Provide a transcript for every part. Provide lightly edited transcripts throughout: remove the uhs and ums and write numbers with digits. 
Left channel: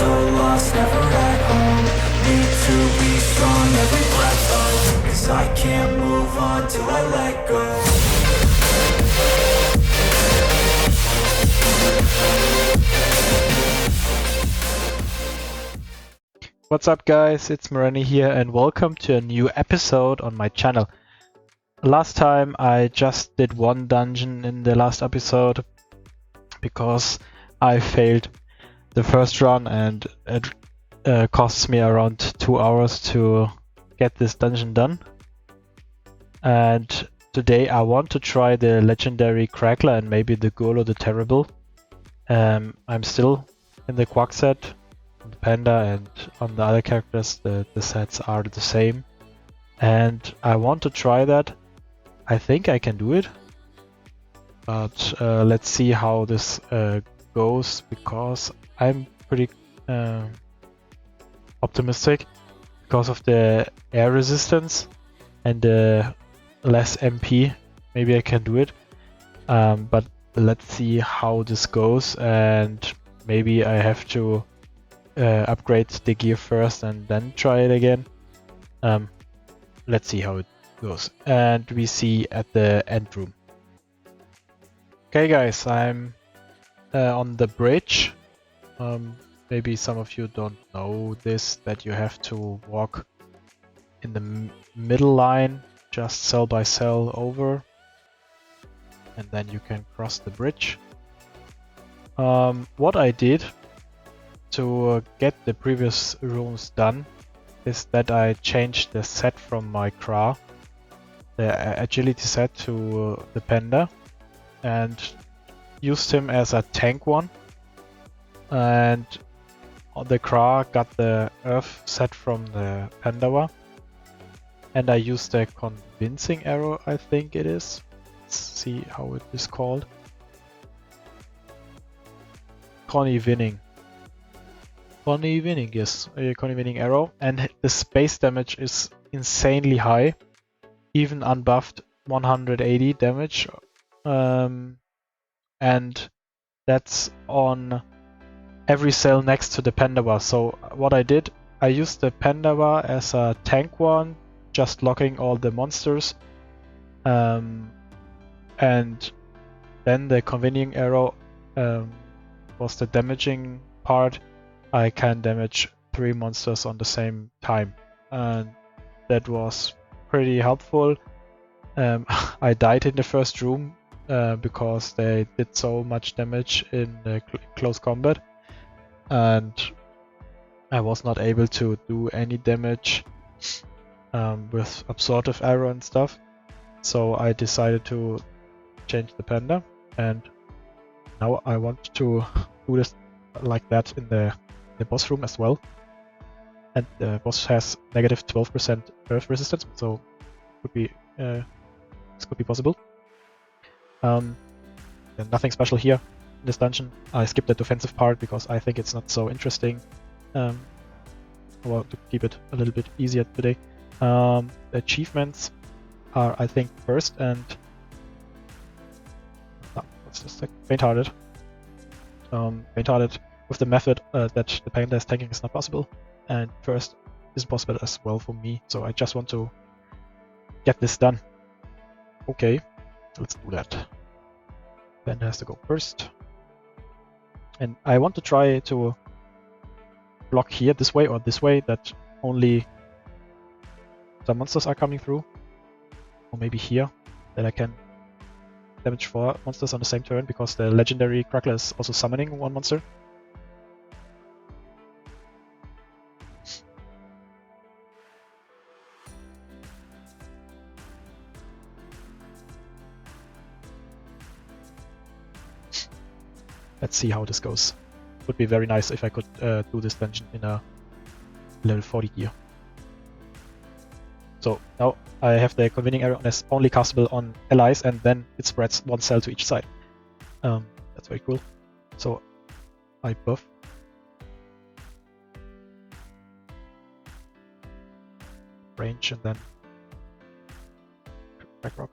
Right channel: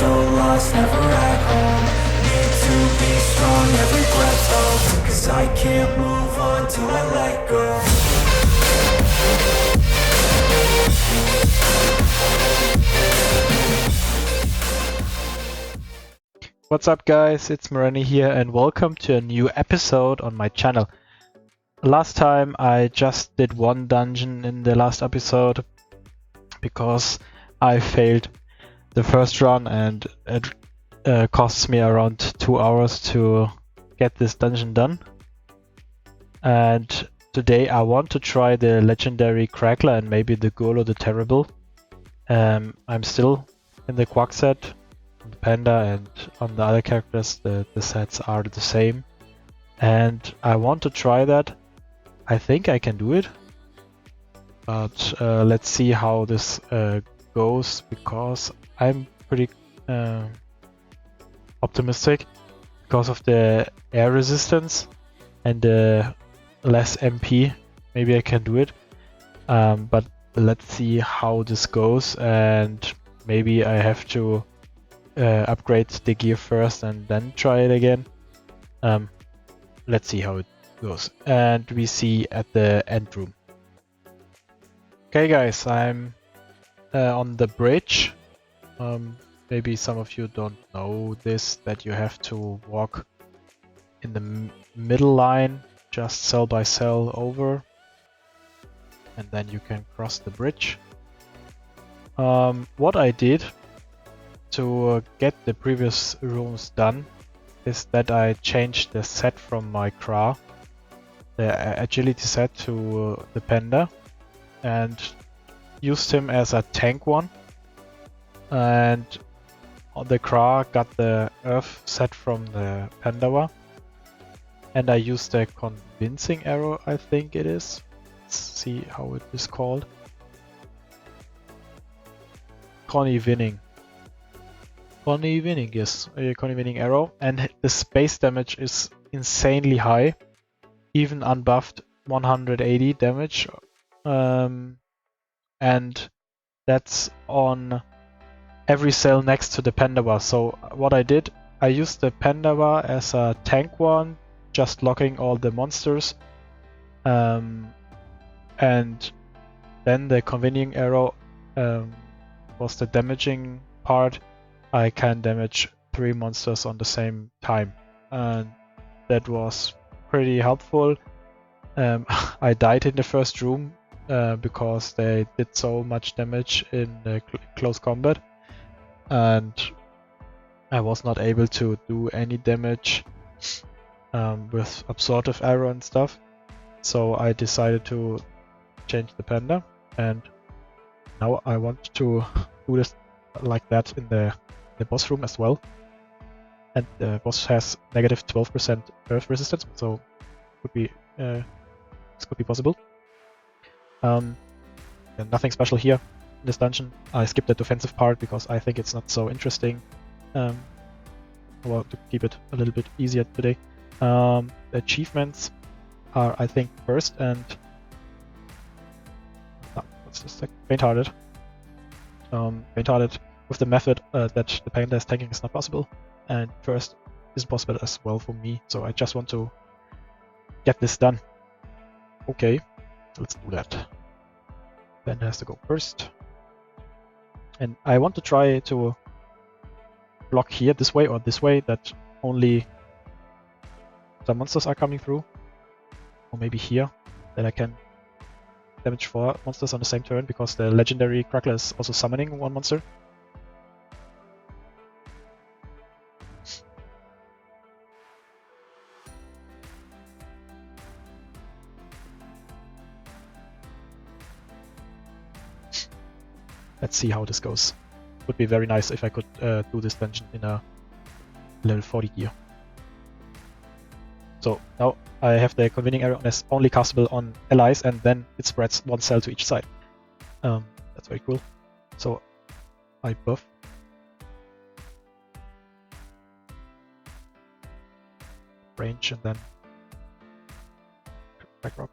so lost, never at home. Need to be strong, every breath hold. Cause I can't move on till I let go. What's up guys, it's Morrany here and welcome to a new episode on my channel. Last time I just did one dungeon in the last episode because I failed the first run and it costs me around 2 hours to get this dungeon done. And today I want to try the legendary Crackler and maybe the Golo the Terrible. I'm still in the Quack set. On the Panda and on the other characters the sets are the same, and I want to try that. I think I can do it, but let's see how this goes, because I'm pretty optimistic because of the air resistance and the less MP. Maybe I can do it, but let's see how this goes, and maybe I have to upgrade the gear first and then try it again. Let's see how it goes. And we see at the end room. Okay guys, I'm on the bridge. Maybe some of you don't know this, that you have to walk in the middle line, just cell by cell over, and then you can cross the bridge. What I did to get the previous rooms done is that I changed the set from my Cra, the agility set, to the Panda, and used him as a tank one, and the Cra got the Earth set from the Pandawa, and I used the convincing arrow, I think it is. Let's see how it is called. Connie winning, yes, a Connie winning arrow, and the space damage is insanely high, even unbuffed 180 damage, and that's on every cell next to the Pandawa. So what I did, I used the Pandawa as a tank one, just locking all the monsters, and then the convening arrow was the damaging part. I can damage 3 monsters on the same time, and that was pretty helpful. I died in the first room because they did so much damage in the close combat, and I was not able to do any damage with absorptive arrow and stuff. So I decided to change the Panda, and now I want to do this like that in the boss room as well. And the boss has negative 12% earth resistance, so could be this could be possible. And nothing special here in this dungeon. I skipped the defensive part because I think it's not so interesting. Well, to keep it a little bit easier today. The achievements are, I think, first and what's the second? Faint-hearted. Faint-hearted is the method that the Panda is taking is not possible, and first is possible as well for me, so I just want to get this done. Okay, let's do that. Panda has to go first. And I want to try to not here this way, but this way, that only some monsters are coming through. Or maybe here, that I can damage 4 monsters on the same turn, because the legendary Crackler is also summoning 1 monster. Let's see how this goes. Would be very nice if I could do this dungeon in a level 40 gear. So now I have the convening arrow that's only castable on allies, and then it spreads to each side. That's very cool. So I buff. Range and then back rock.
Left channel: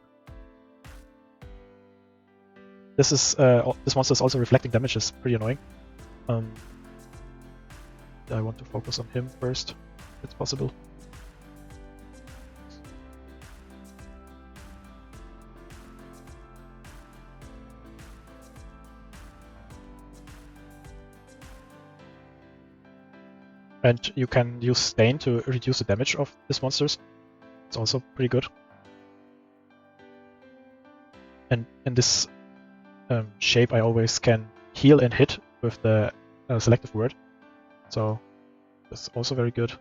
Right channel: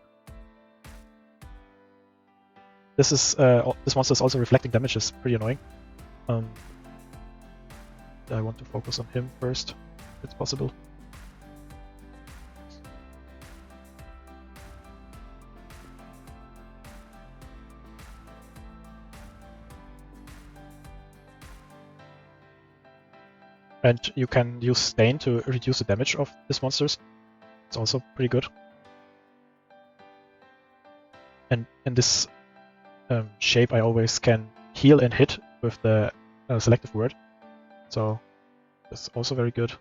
This monster is also reflecting damage, is pretty annoying. I want to focus on him first, if it's possible. And you can use Stain to reduce the damage of these monsters. It's also pretty good. And Shape I always can heal and hit with the selective word. So that's also very good.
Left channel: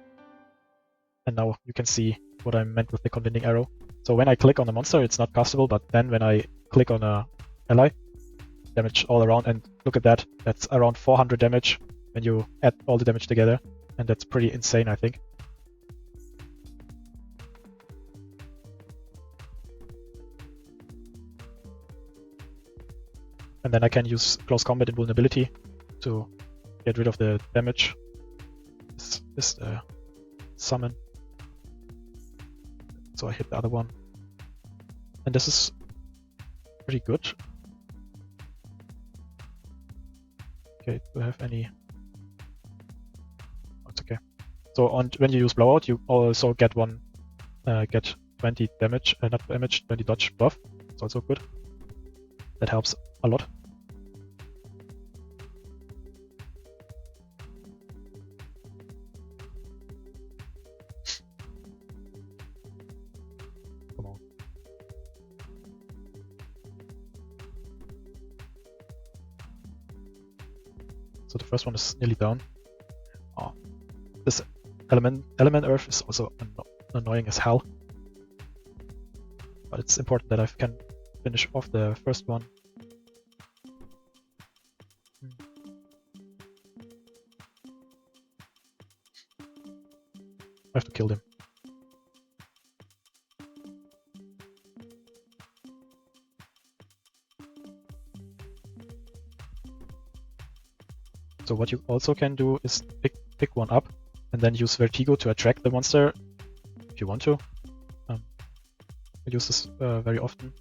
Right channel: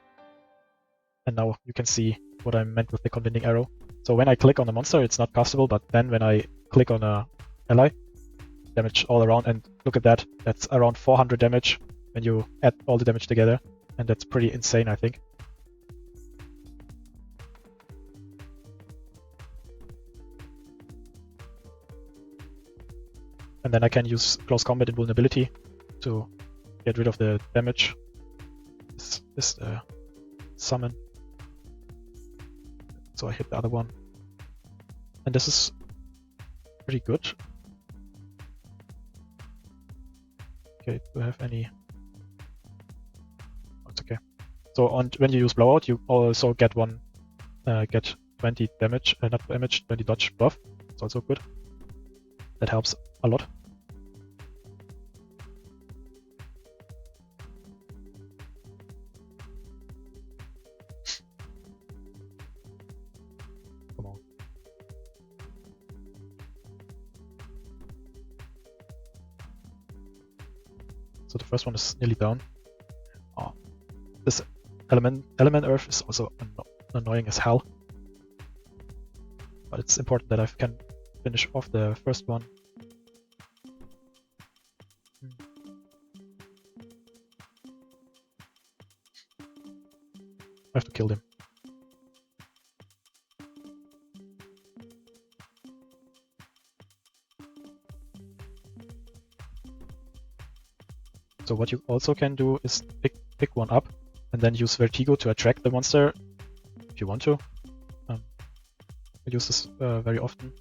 And now you can see what I meant with the contending arrow. So when I click on the monster, it's not castable, but then when I click on an ally, damage all around, and look at that, that's around 400 damage when you add all the damage together, and that's pretty insane, I think. And then I can use close combat invulnerability to get rid of the damage. This is the summon. So I hit the other one. And this is pretty good. Okay, do I have any? Oh, it's okay. So when you use blowout, you also get 20 damage, not damage, 20 dodge buff. It's also good. That helps a lot. Come on. So the first one is nearly down. Oh, this element earth is also annoying as hell. But it's important that I can finish off the first one. I have to kill him. So what you also can do is pick one up and then use Vertigo to attract the monster if you want to. I use this very often.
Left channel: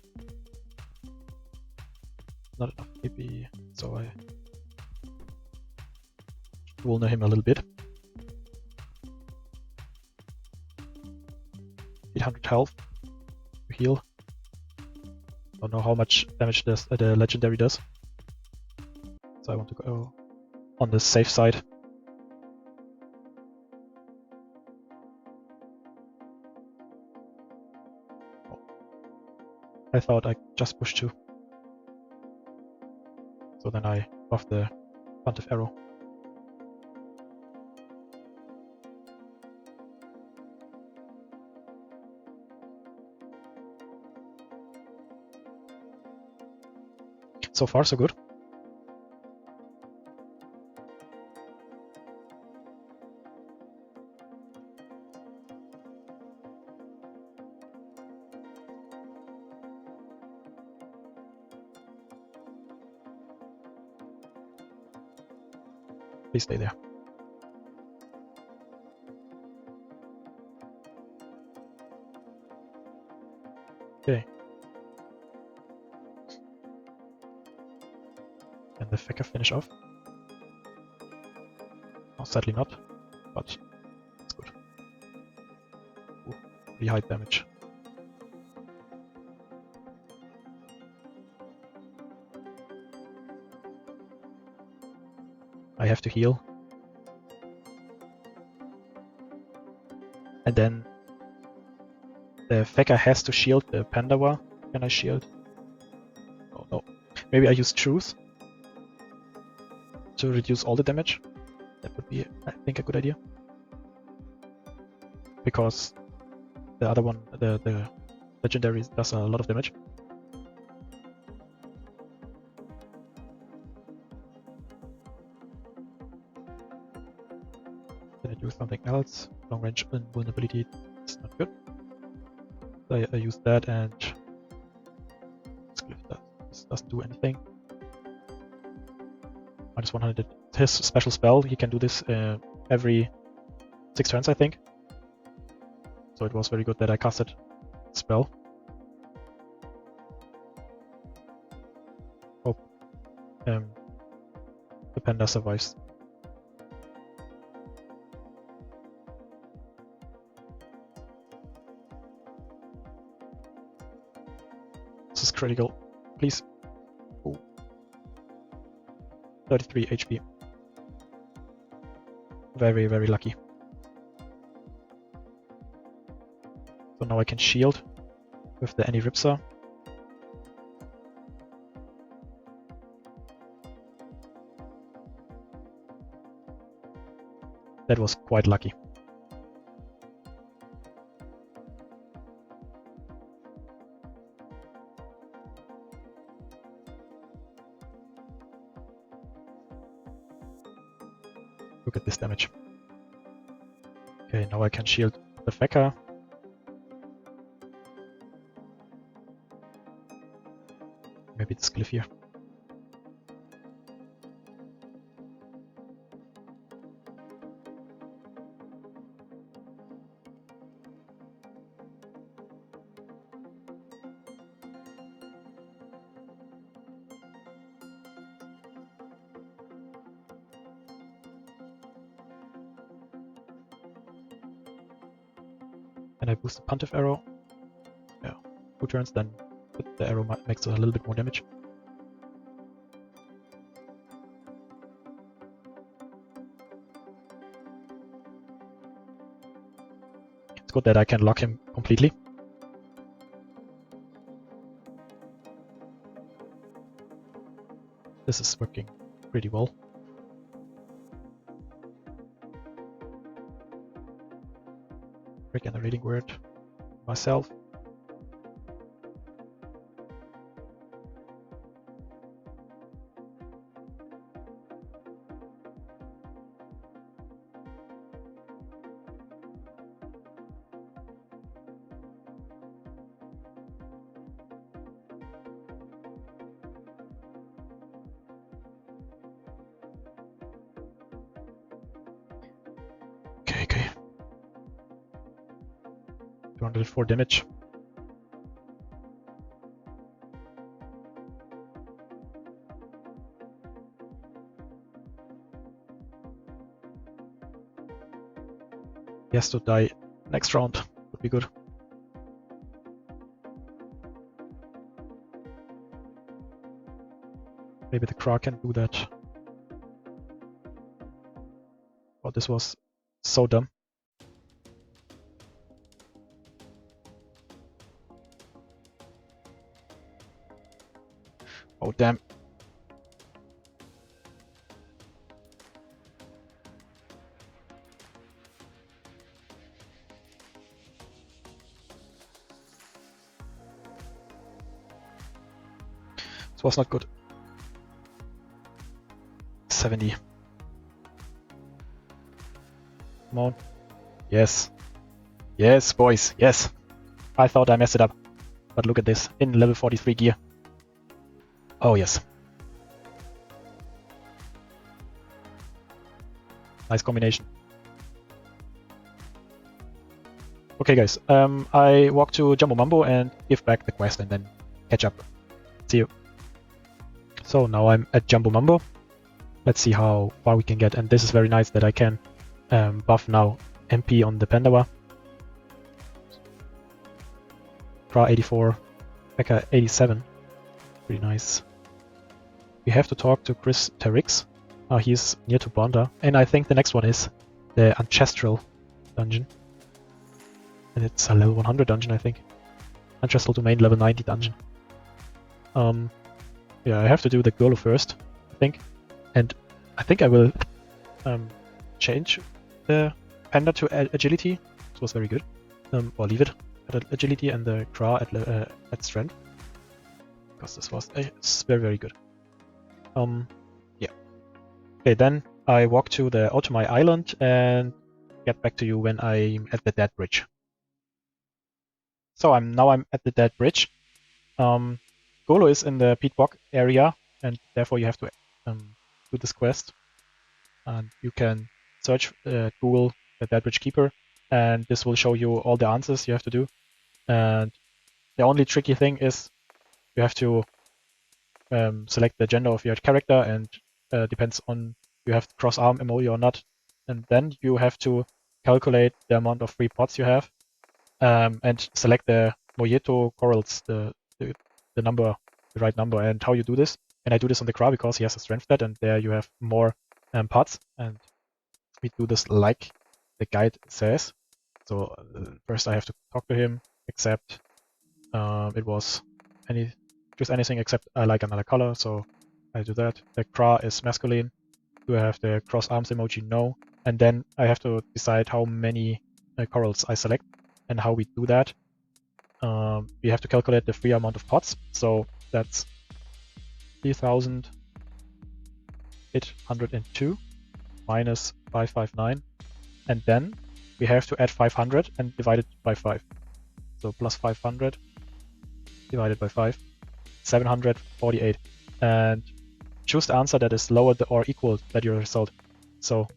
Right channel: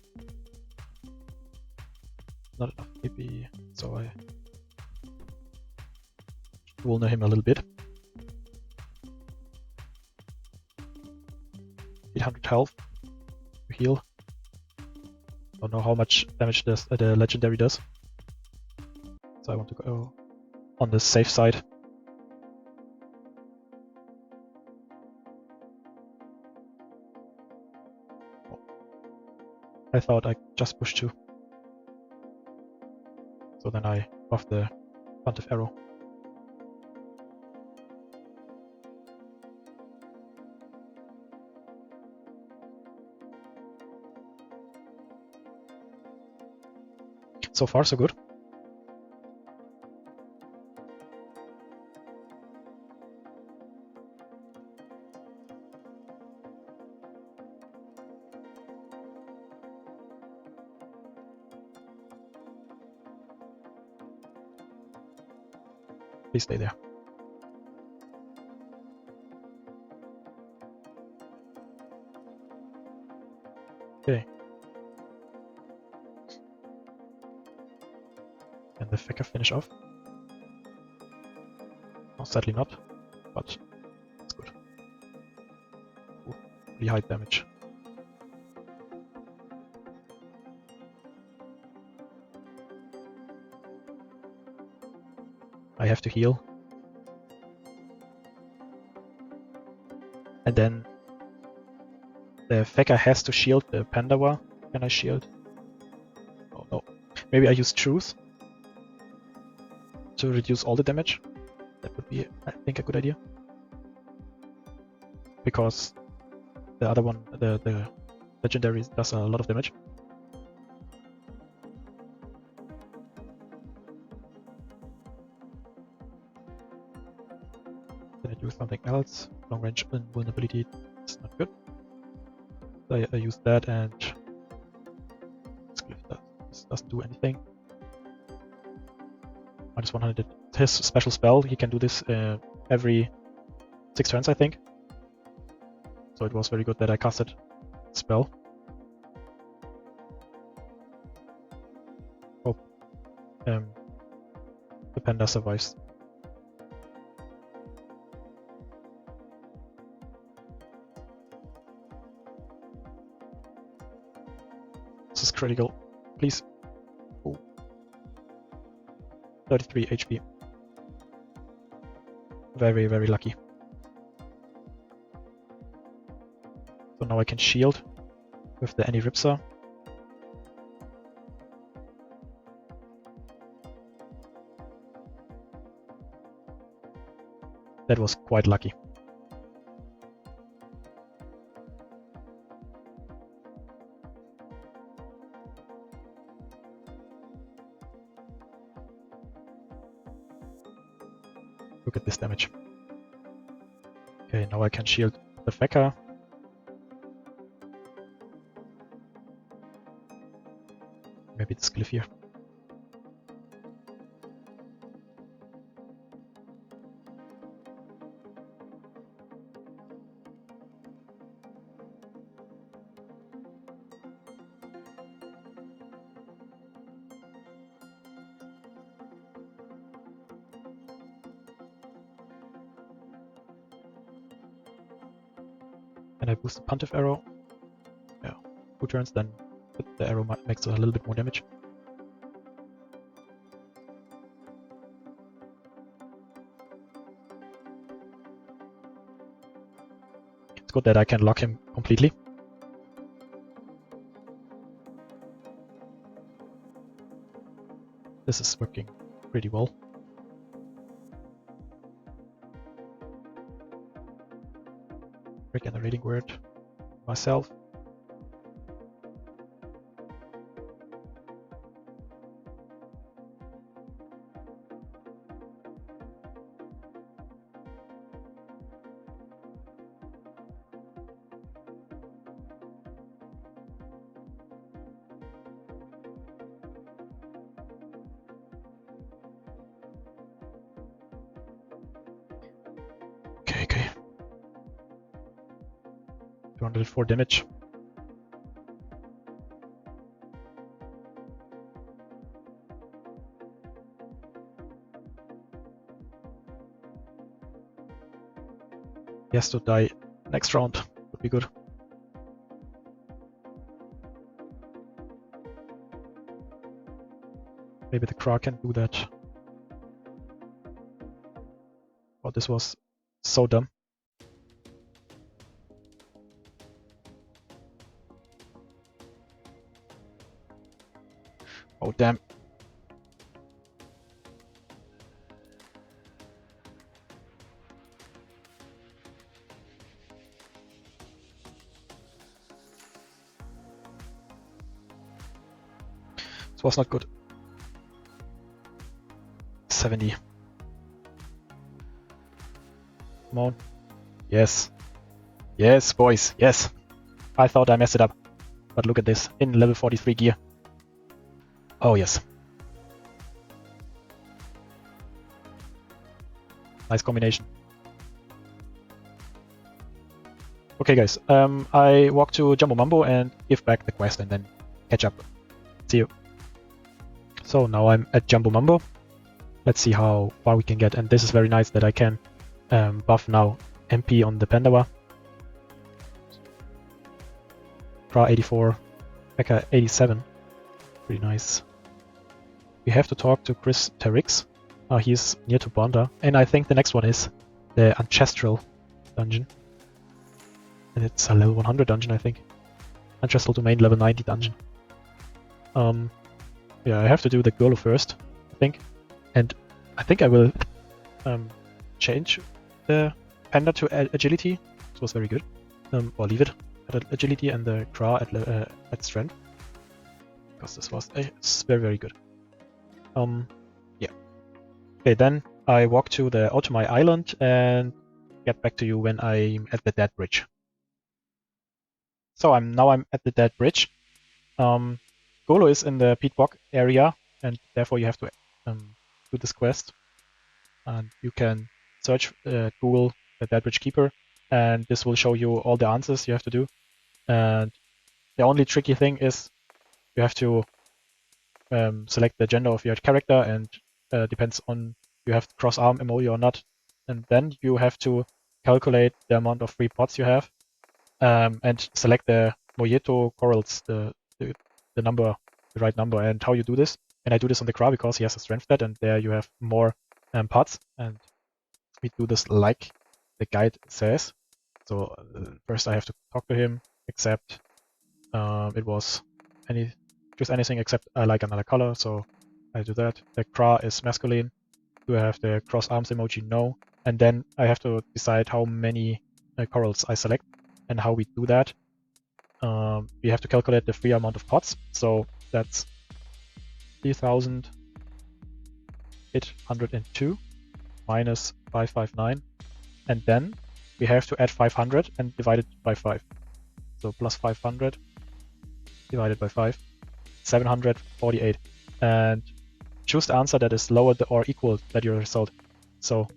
Not enough AP, so I vulner him a little bit. 800 health to heal. Don't know how much damage the legendary does. So I want to go on the safe side. I thought I just pushed 2. So then I buff the Pontiff Arrow. So far, so good. Please stay there. And the Fecker finish off. Sadly not, but it's good. Ooh, pretty high damage. I have to heal. And then the Fecker has to shield the Pandawa. Can I shield? Oh no. Maybe I use Truth to reduce all the damage. That would be, I think, a good idea. Because the other one, the legendary, does a lot of damage. Then I do something else. Long range invulnerability is not good. So I use that, and this doesn't do anything. Minus 100. His special spell, he can do this every 6 turns, I think. So it was very good that I casted spell. The Panda survives. critical, please. 33 HP. Very, very lucky. So now I can shield with the Any-Ripsaw. That was quite lucky. Look at this damage. Okay, now I can shield the Fecker. Maybe it's Glyph here. And I boost the Pontiff Arrow. Yeah, 2 turns, then the arrow makes a little bit more damage. It's good that I can lock him completely. This is working pretty well. Regenerating word myself. Okay. 204 damage. He has to die next round. Would be good. Maybe the Crack can do that. Oh, this was so dumb. Oh, damn. This was not good. 70. Come on. Yes, boys, yes. I thought I messed it up. But look at this, in level 43 gear. Oh, yes. Nice combination. Okay, guys. I walk to Jumbo Mambo and give back the quest and then catch up. See you. So now I'm at Jumbo Mambo. Let's see how far we can get. And this is very nice that I can buff now MP on the Pandava. Pra 84, Mecha 87. Pretty nice. We have to talk to Chris Terrix. He's near to Bonda. And I think the next one is the Ancestral dungeon. And it's a level 100 dungeon, I think. Ancestral Domain level 90 dungeon. Yeah, I have to do the Golo first, I think. And I think we will change the Panda to agility. This was very good. Or leave it at agility and the Kra at strength. Because this was very, very good. Yeah. Okay, then I walk to the Automai Island and get back to you when I'm at the Dead Bridge. So I'm at the Dead Bridge. Golo is in the Peat Bog area, and therefore you have to do this quest. And you can search Google the Dead Bridge Keeper, and this will show you all the answers you have to do. And the only tricky thing is you have to select the gender of your character, and depends on you have cross arm emoji or not. And then you have to calculate the amount of free pots you have, and select the Moyeto corals, the the right number. And how you do this? And I do this on the Kra because he has a strength stat, and there you have more parts. And we do this like the guide says. So first I have to talk to him, except it was choose anything except I like another color, so I do that. The Kra is masculine. Do I have the cross arms emoji? No. And then I have to decide how many corals I select and how we do that. We have to calculate the free amount of pots. So that's 3,802 minus 559. And then we have to add 500 and divide it by 5. So plus 500 divided by 5, 748. And choose the answer that is lower or equal than your result. So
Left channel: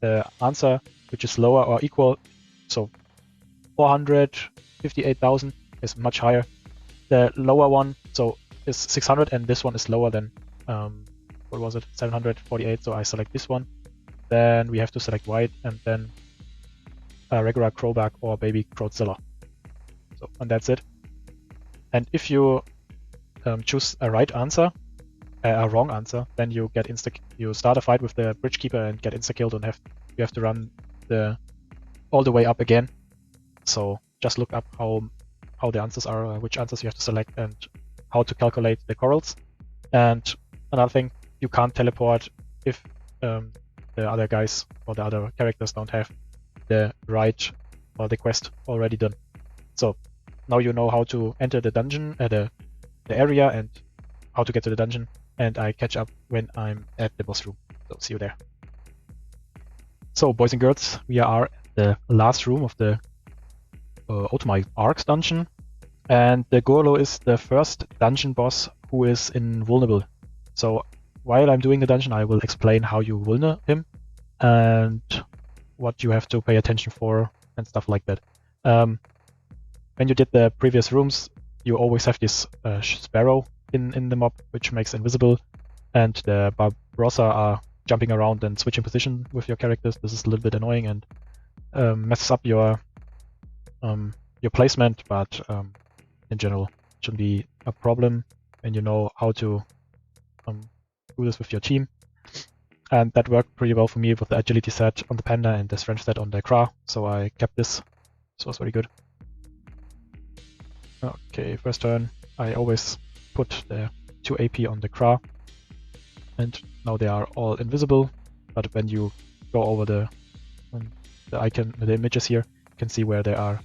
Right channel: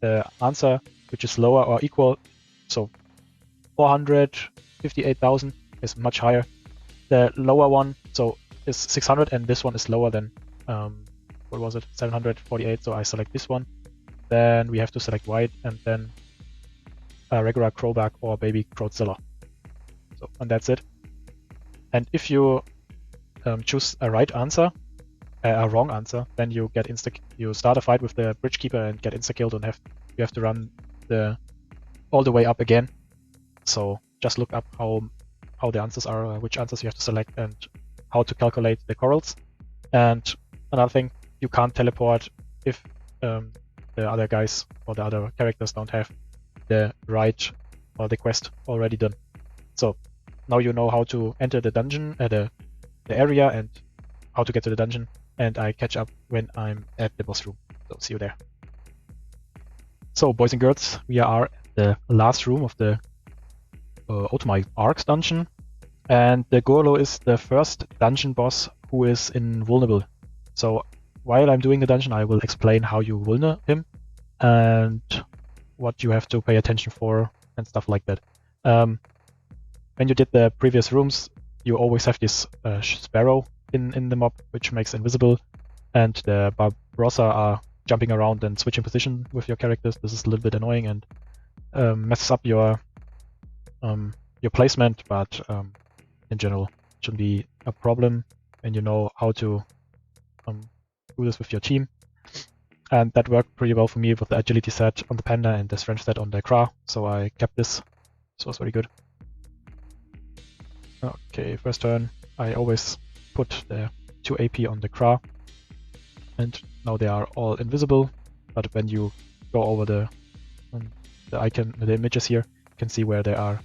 the answer which is lower or equal, so 458,000 is much higher. The lower one so is 600, and this one is lower than what was it, 748. So I select this one. Then we have to select white, and then a regular crowback or baby crowdzilla. So and that's it. And if you choose a right answer, then you get you start a fight with the bridge keeper and get insta killed, and you have to run all the way up again. So just look up how the answers are, which answers you have to select, and how to calculate the corals. And another thing, you can't teleport if the other guys or the other characters don't have the right or the quest already done. So now you know how to enter the dungeon, the area, and how to get to the dungeon when I'm at the boss room. So see you there. So boys and girls, we are at the last room of the sArk dungeon, and the Golo is the first dungeon boss who is invulnerable. So while I'm doing the dungeon, I will explain how you vulner him and what you have to pay attention for and stuff like that. When you did the previous rooms, you always have this sparrow in the mob, which makes invisible, and the Barbarossa are jumping around and switching position with your characters. This is a little bit annoying and messes up your in general. Shouldn't be a problem, and you know how to do this with your team. And that worked pretty well for me with the agility set on the panda and the strength set on the Kra, so I kept this. This was very good. Okay, first turn I always put the 2 AP on the Kra, and now they are all invisible, but when you go over the images here, you can see where they are,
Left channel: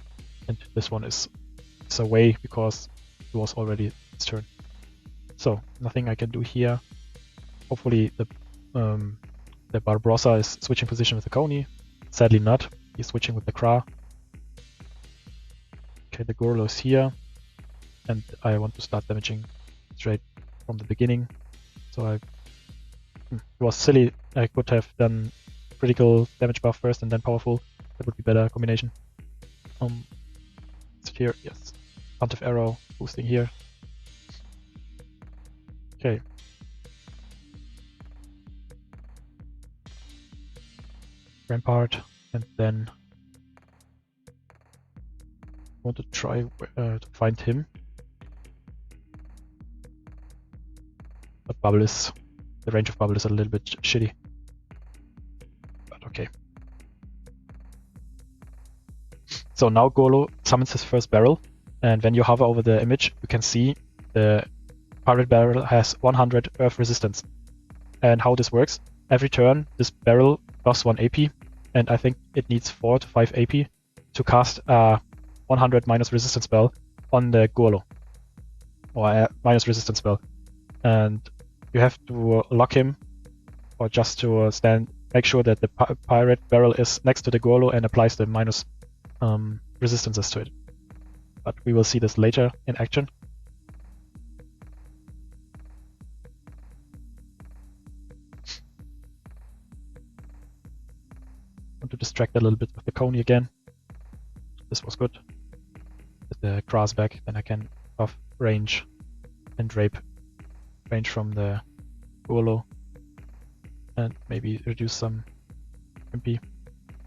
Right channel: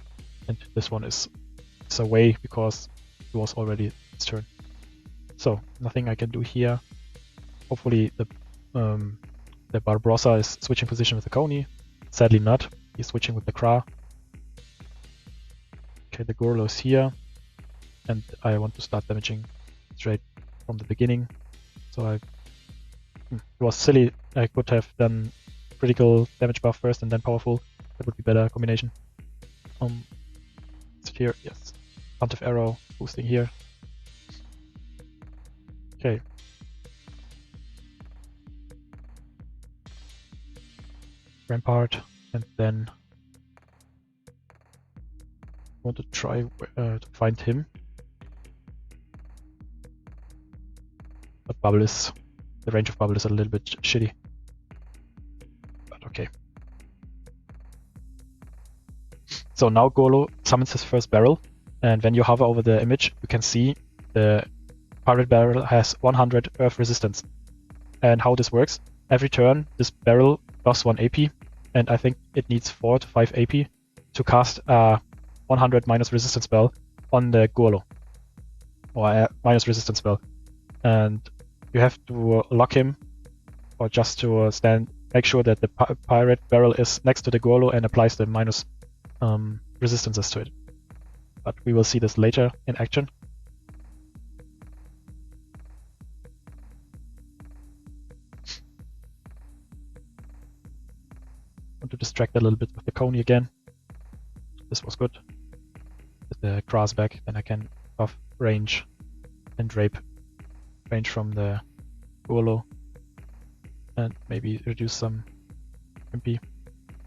and this one is away because it was already destroyed. So nothing I can do here. Hopefully the sadly not. He's switching with the Kra. Okay, the Golo is here, and I want to start damaging straight from the beginning. So it was silly. I could have done critical damage buff first and then powerful. That would be better combination. Here, yes. Bunch of arrow boosting here. Okay. Rampart, and then I want to try to find him. But the range of bubble is a little bit shitty. But okay. So now Golo summons his first barrel, and when you hover over the image, you can see the pirate barrel has 100 earth resistance. Every turn, this barrel costs 1 AP, and I think it needs 4 to 5 AP to cast a 100 minus resistance spell on the Golo, or a minus resistance spell. And you have to lock him, or just to make sure that the pirate barrel is next to the Golo and applies the minus resistances to it. But we will see this later in action. Want to distract a little bit with the Coney again. This was good. With the grass back, then I can buff range and rape range from the Golo, and maybe reduce some MP.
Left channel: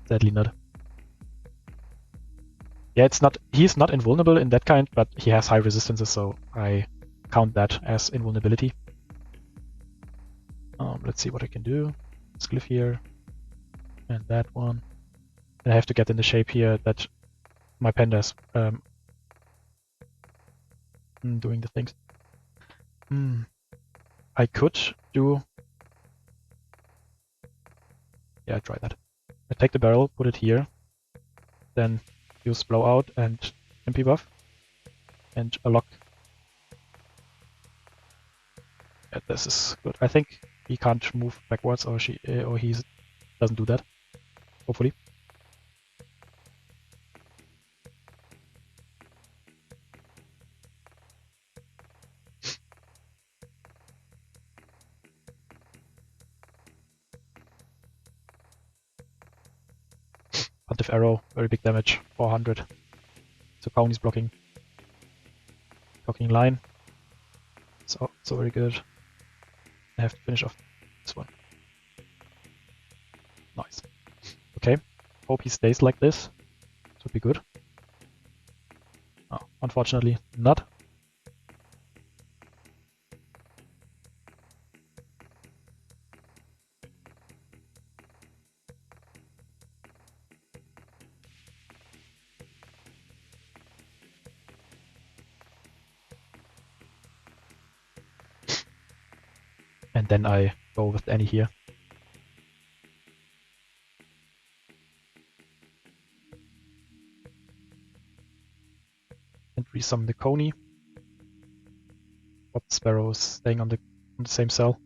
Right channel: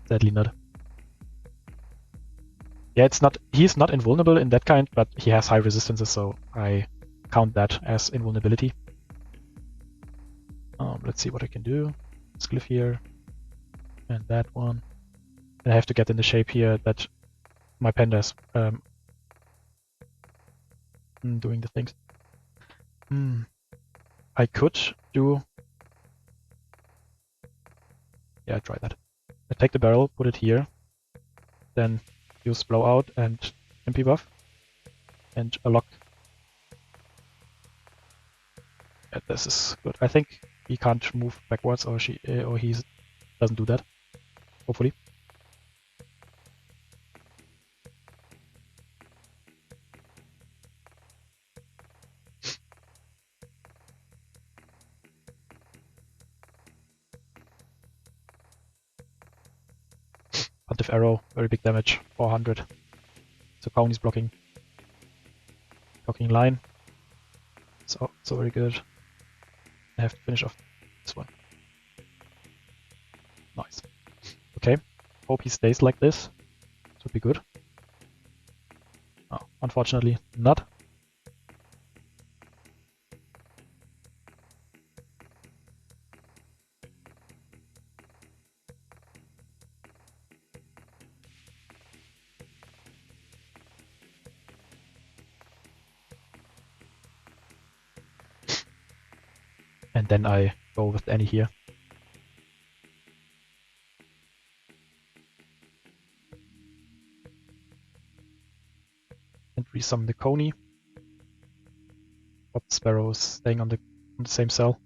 Sadly not. Yeah, he's not invulnerable in that kind, but he has high resistances, so I count that as invulnerability. Let's see what I can do. Let's click here. And that one. And I have to get in the shape here that my panda's doing the things. I could do... Yeah, try that. I take the barrel, put it here, then use blowout and MP buff, and a lock. And this is good. I think he can't move backwards, or he doesn't do that. Hopefully. Arrow, very big damage, 400. The pound is blocking line. So very good. I have to finish off this one. Nice. Okay, hope he stays like this. This would be good. Unfortunately, not. And then I go with any here. And resummon the Coney. But Sparrow is staying on the same cell.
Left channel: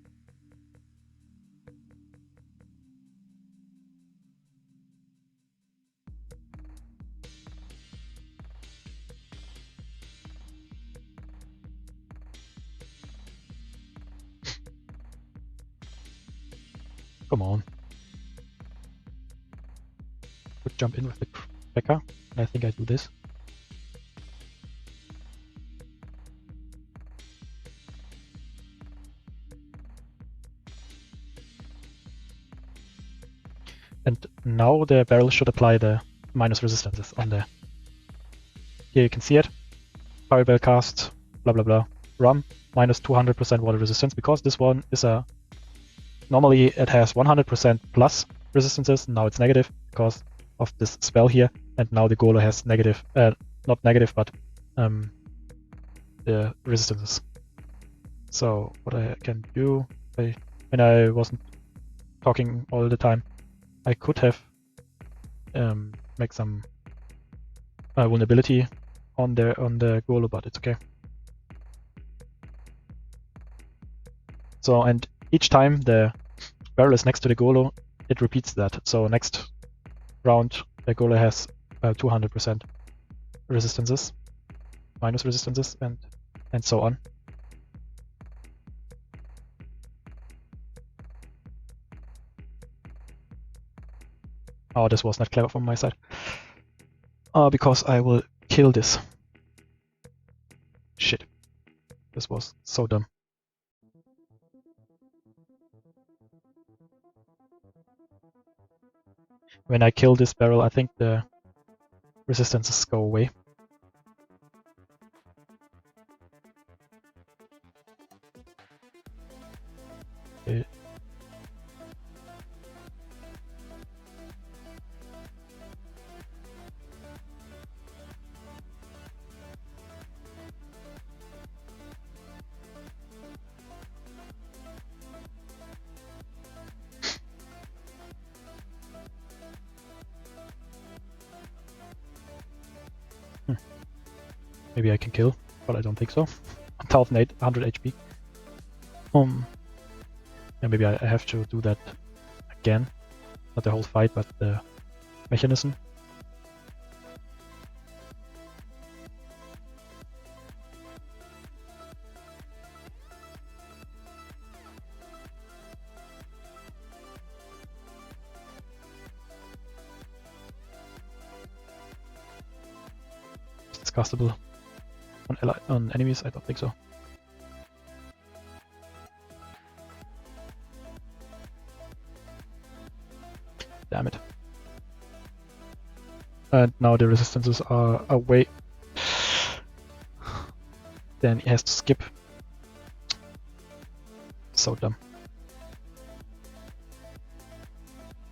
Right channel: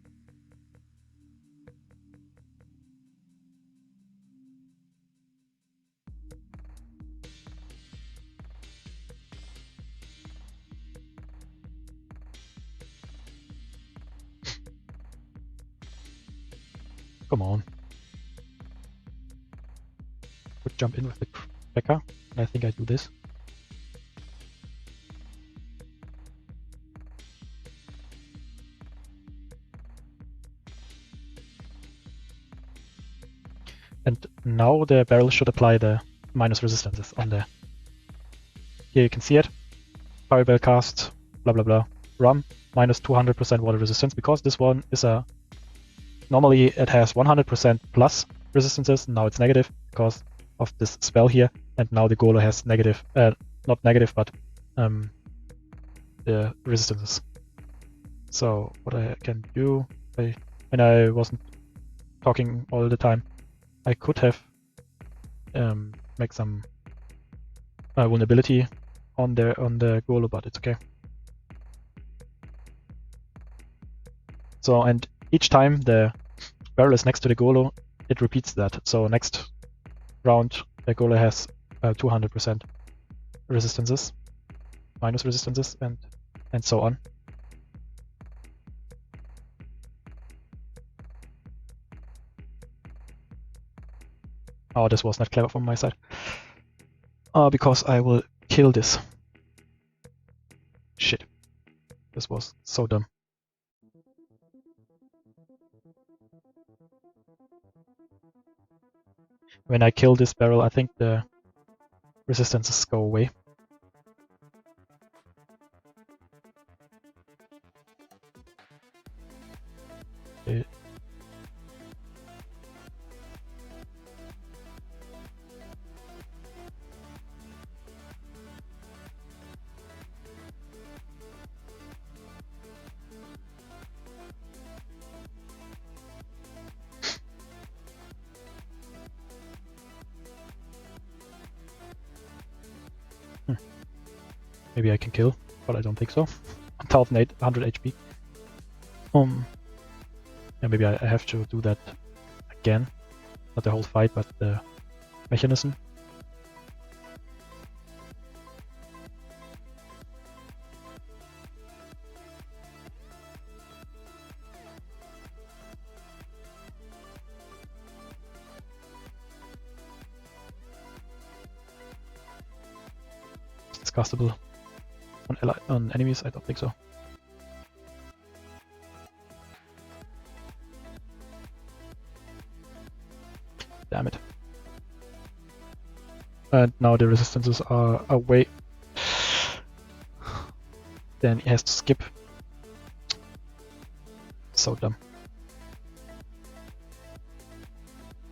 Come on. Would jump in with the Crackler, and I think I do this. And now the barrel should apply the minus resistances on there. Here you can see it. Fireball cast, blah blah blah. Rum, minus 200% water resistance, because this one is a... Normally it has 100% plus resistances, now it's negative because of this spell here. And now the Golo has negative, not negative, but the resistance. So what I can do, when I wasn't talking all the time, I could have make some vulnerability. So each time the barrel is next to the Golo, it repeats that. So next round the Golo has 200% resistances, minus resistances, and so on. Oh, this was not clever from my side. Because I will kill this. Shit. This was so dumb. When I kill this barrel, I think the resistances go away. Okay. Maybe I can kill, but I don't think so. 1,800 HP. And maybe I have to do that again. Not the whole fight, but the mechanism. It's castable. Enemies, I don't think so. And now the resistances are away. Then he has to skip So dumb.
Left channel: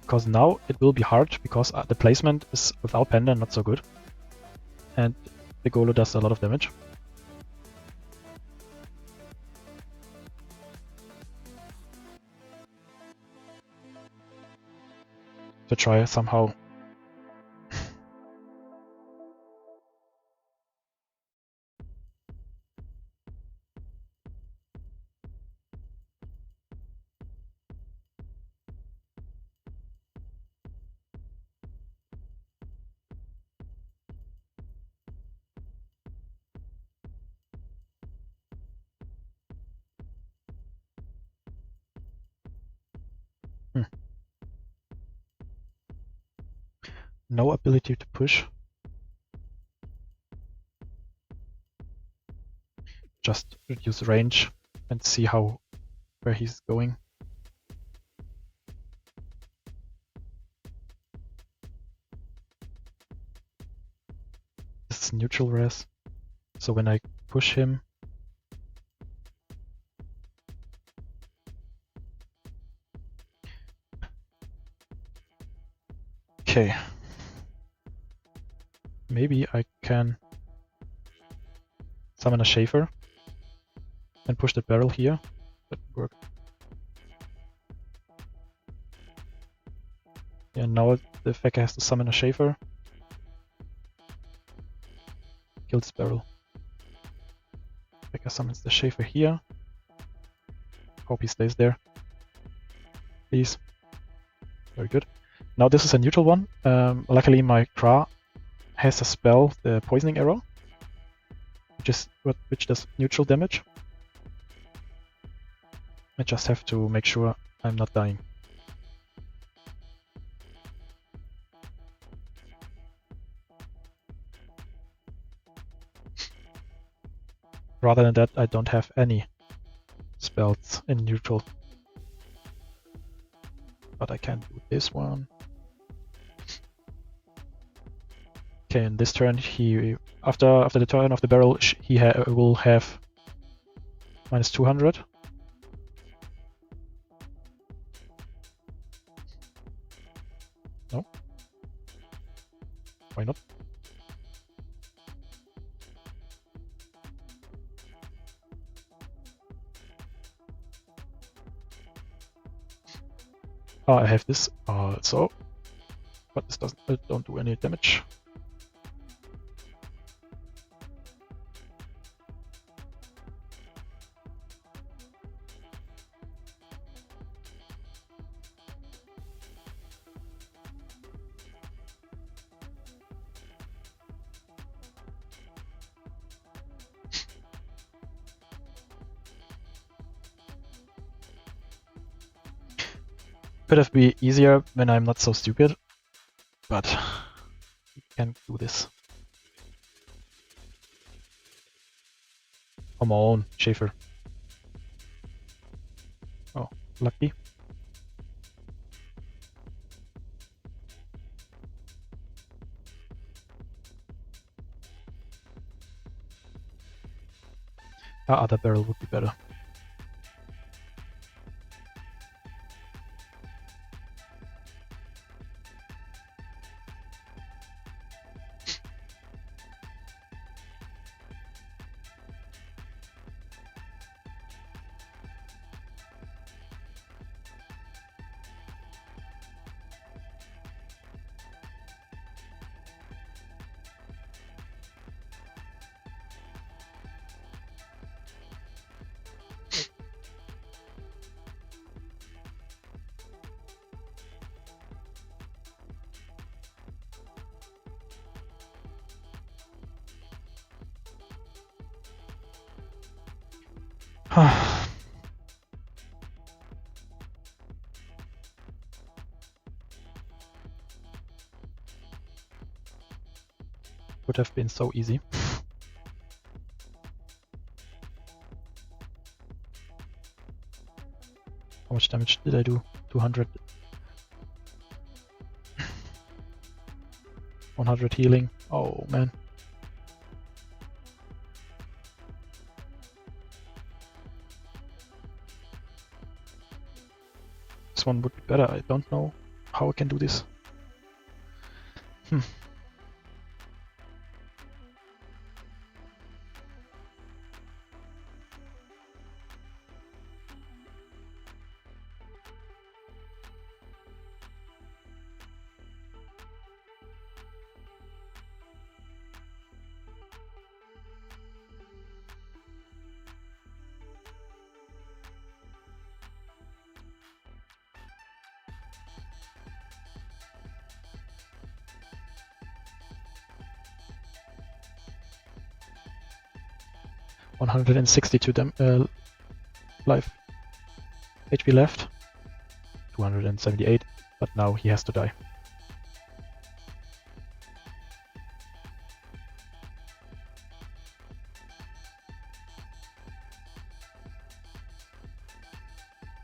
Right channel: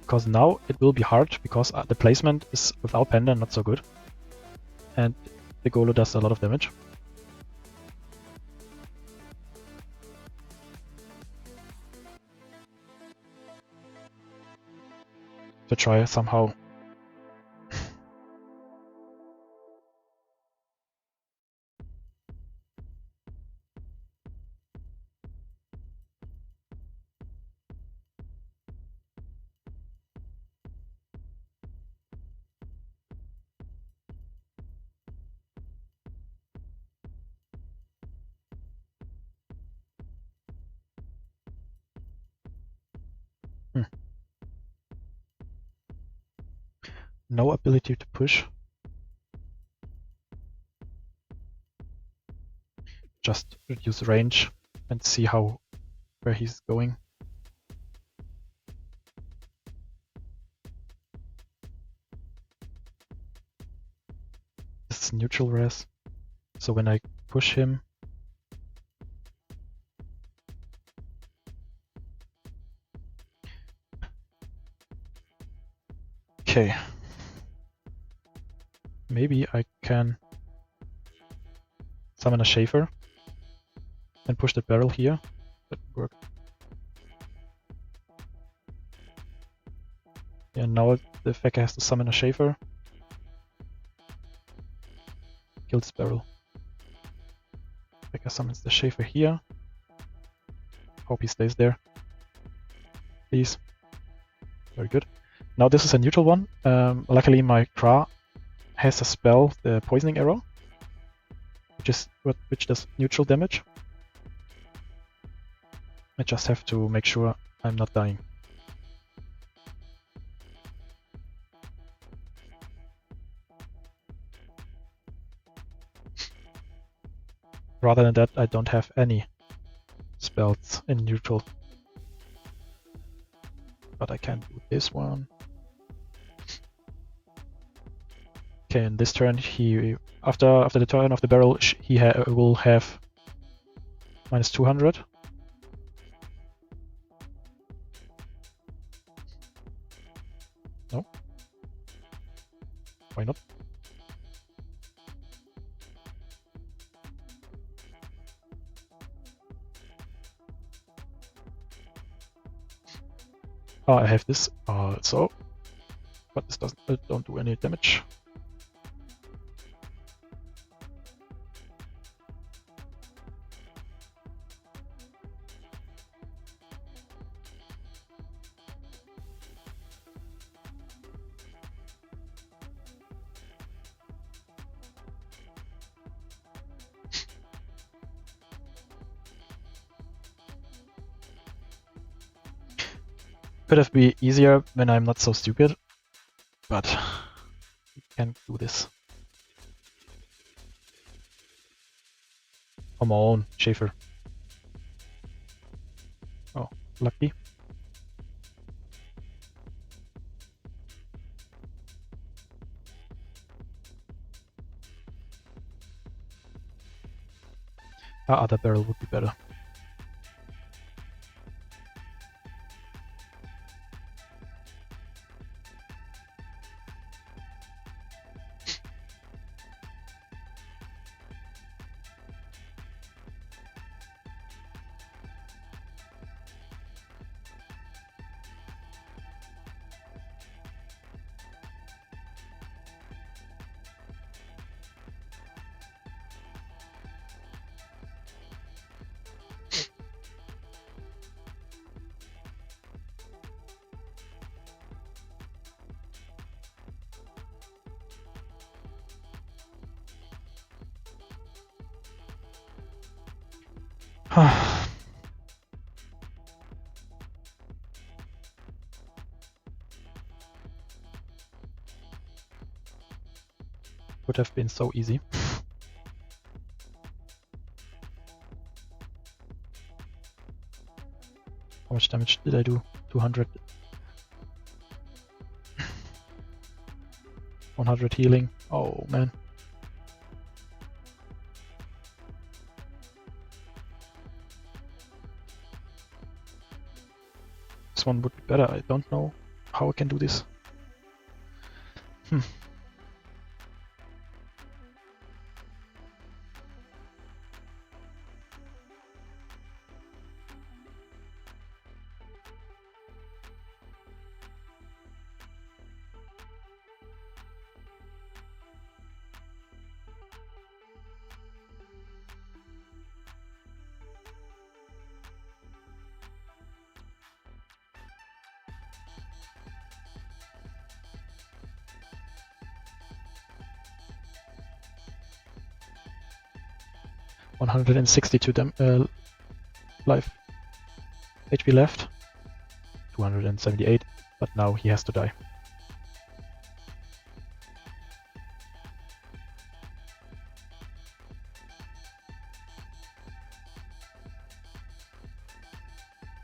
Because now it will be hard because the placement is without panda not so good. And the Golo does a lot of damage. To try somehow. No ability to push. Just reduce range and see where he's going. This is neutral res. So when I push him, okay. Maybe I can summon a Schaefer and push the barrel here. That would work. Yeah, now the Fecker has to summon a Schaefer. Kill this barrel. Fecker summons the Schaefer here. Hope he stays there. Please. Very good. Now this is a neutral one. Luckily my Kra has a spell which does neutral damage. I just have to make sure I'm not dying. Rather than that, I don't have any spells in neutral. But I can do this one. Okay, in this turn, after the turn of the barrel, he will have minus 200. No? Why not? I have this, so don't do any damage. But we can't do this. Come on, Schaefer. Oh, lucky. That barrel would be better. Would have been so easy. How much damage did I do? 200. 100 healing. Oh man. one would be better. I don't know how I can do this. 162 life HP left, 278, but now he has to die.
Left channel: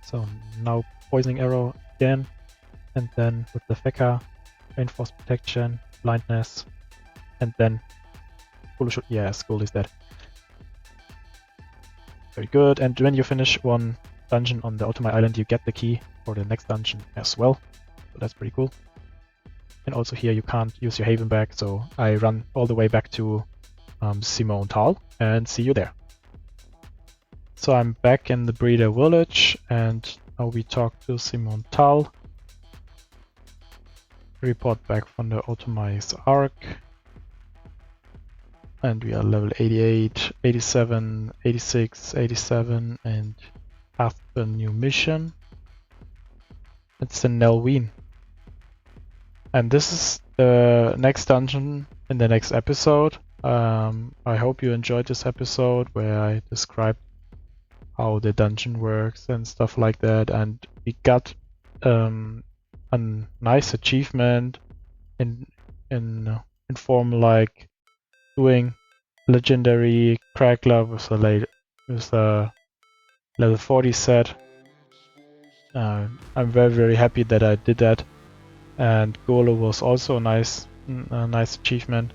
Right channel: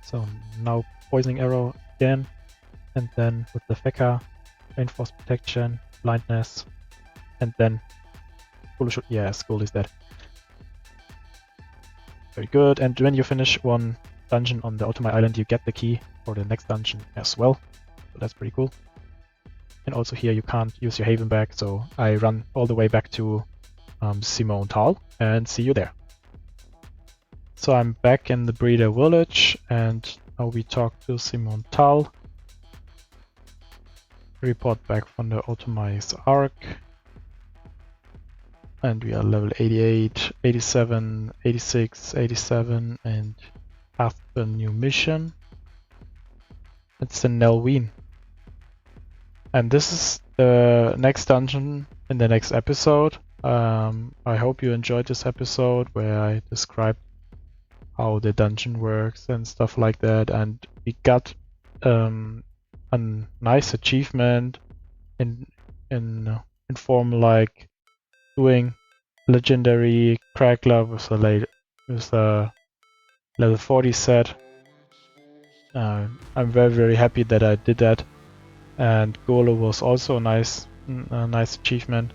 So now poisoning arrow again, and then with the Fecker, reinforced protection, like that, and then Golo should, yes, Golo is dead. Very good, and when you finish one dungeon on the Otomai Island, you get the key for the next dungeon as well, so that's pretty cool. And also here you can't use your Haven back, so I run all the way back to Simon Tal and see you there. So I'm back in the Breeder Village, and now we talk to Simon Tal. Report back from the Otomai sArk. And we are level 88, 87, 86, 87, and have a new mission. It's the Nelwyn. And this is the next dungeon in the next episode. I hope you enjoyed this episode where I described how the dungeon works and stuff like that, and we got a nice achievement in form like doing legendary Crackler with a level 40 set. I'm very happy that I did that, and Golo was also a nice achievement.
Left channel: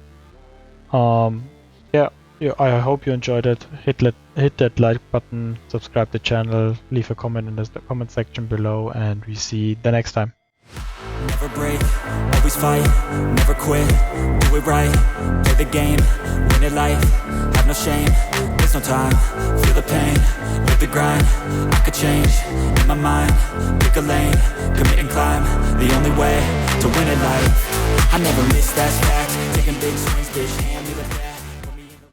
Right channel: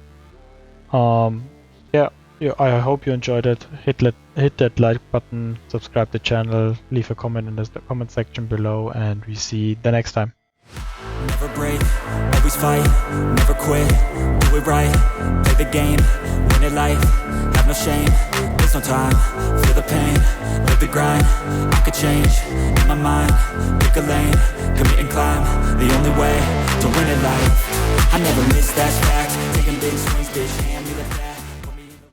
Yeah, I hope you enjoyed it. Hit that like button, subscribe the channel, leave a comment in the comment section below, and we see the next time. Never break, always fight, never quit, do it right, play the game, win it life, have no shame, there's no time, feel the pain, live the grind, I could change, in my mind, pick a lane, commit and climb, the only way to win it life, I never miss, that's fact, taking big swings, bitch, hand me the bat.